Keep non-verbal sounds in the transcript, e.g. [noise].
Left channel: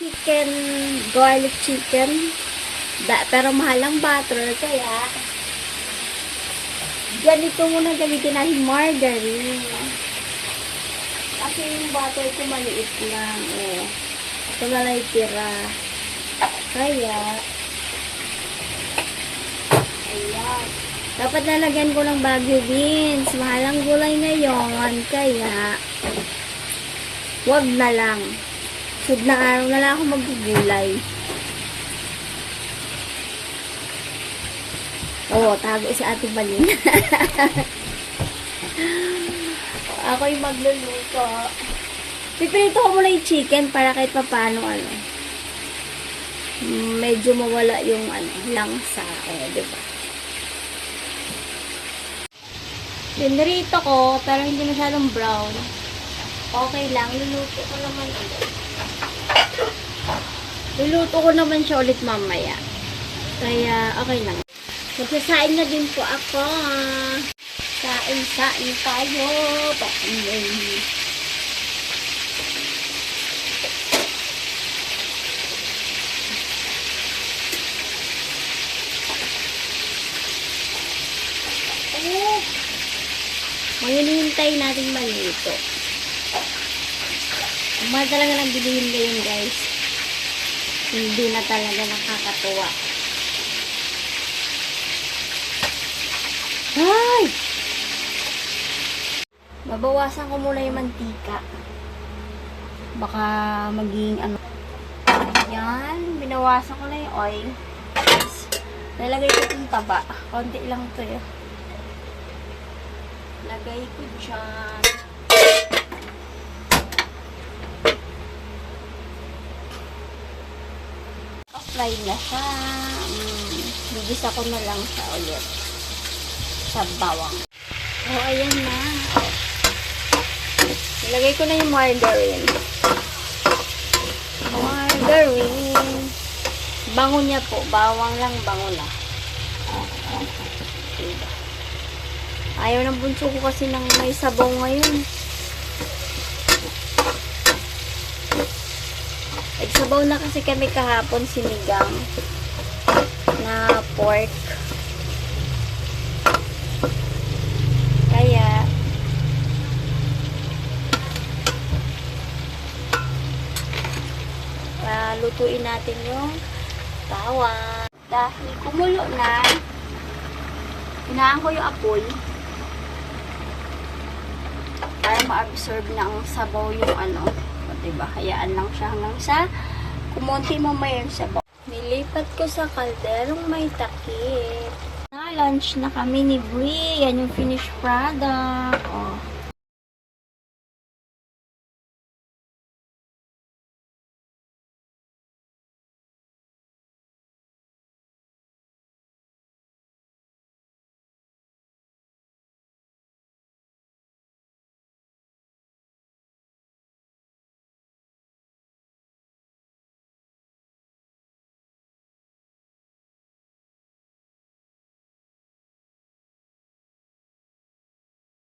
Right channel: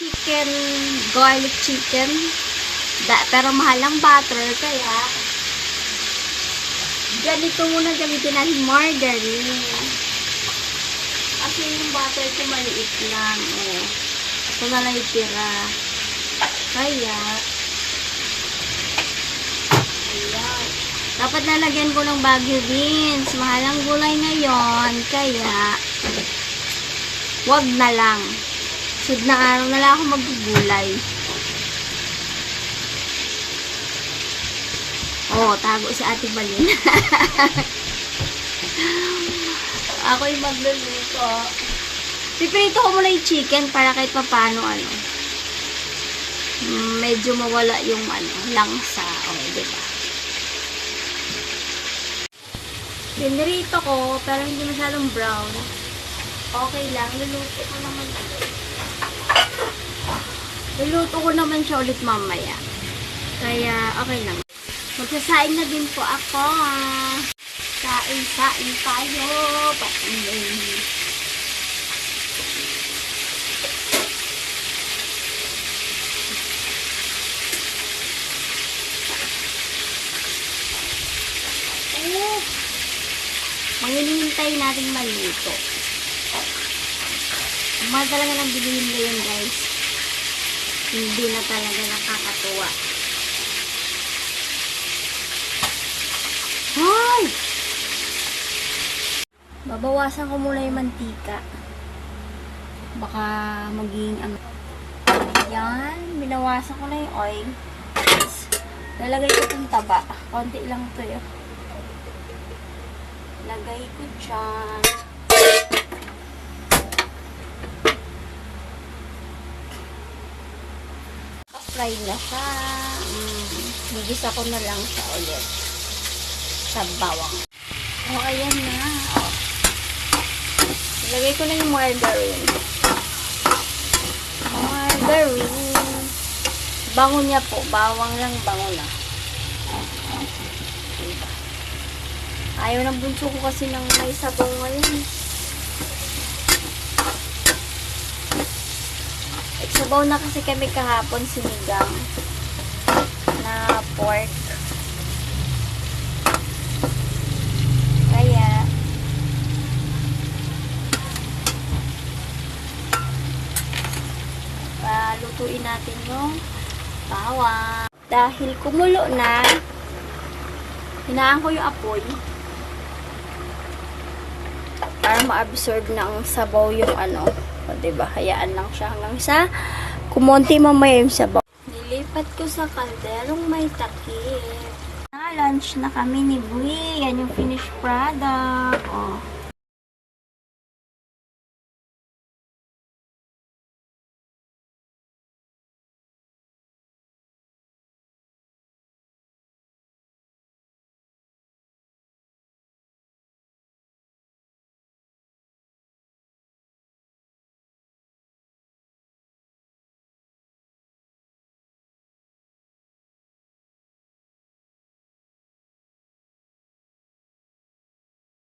chicken, garlic chicken. Da, pero mahal ang butter, kaya ganito muna gamitin natin margarine. Kasi yung butter ko maliit lang, eh. Ito na lang itira. Kaya, ayan. Dapat nalagyan ko ng Baguio beans. Mahal ang gulay ngayon, kaya, wag na lang. Sud na araw na lang ako maggugulay. Oo, tago si Ate Balin. [laughs] Ako yung magluluto. Pipirito ko muna yung chicken para kahit papano ano. mm, Medyo mawala yung ano, langsa. O, diba? Pinirito ko, pero hindi masyadong brown. Okay lang, luluto ko naman ulit. Luluto ko naman siya ulit mamaya. Kaya, okay lang. Magsasain na din po ako. Sain-sain tayo. Patingin. Oh. Ngayon hintay natin malito. Mahal talaga ng bilihin ngayon guys. Hindi na talaga nakakatuwa. Ay! Babawasan ko muna yung mantika. Baka maging ang... Ayan. Binawasan ko na yung oil. Lalagay ko itong taba. Konti lang ito yun. Lagay ko dyan. Fry na siya. Mm, bigisa ko na lang siya ulit sa bawang. Oh, ayan na. Oh. Ilagay ko na yung margarine. Margarine. Bango niya po. Bawang lang, bango na. Diba? Ayaw ng bunso ko kasi ng may sabaw ngayon. Nagsabaw na kasi kami kahapon sinigang na pork. Kaya, palutuin natin yung bawang. Dahil kumulo na, hinaan ko yung apoy para ma-absorb ng sabaw yung ano. Diba? Hayaan lang siya hanggang sa kumonti mamaya yung sabaw. Nilipat ko sa kalderong may takip. Na lunch na kami ni Brie. Yan yung finished product. Oh.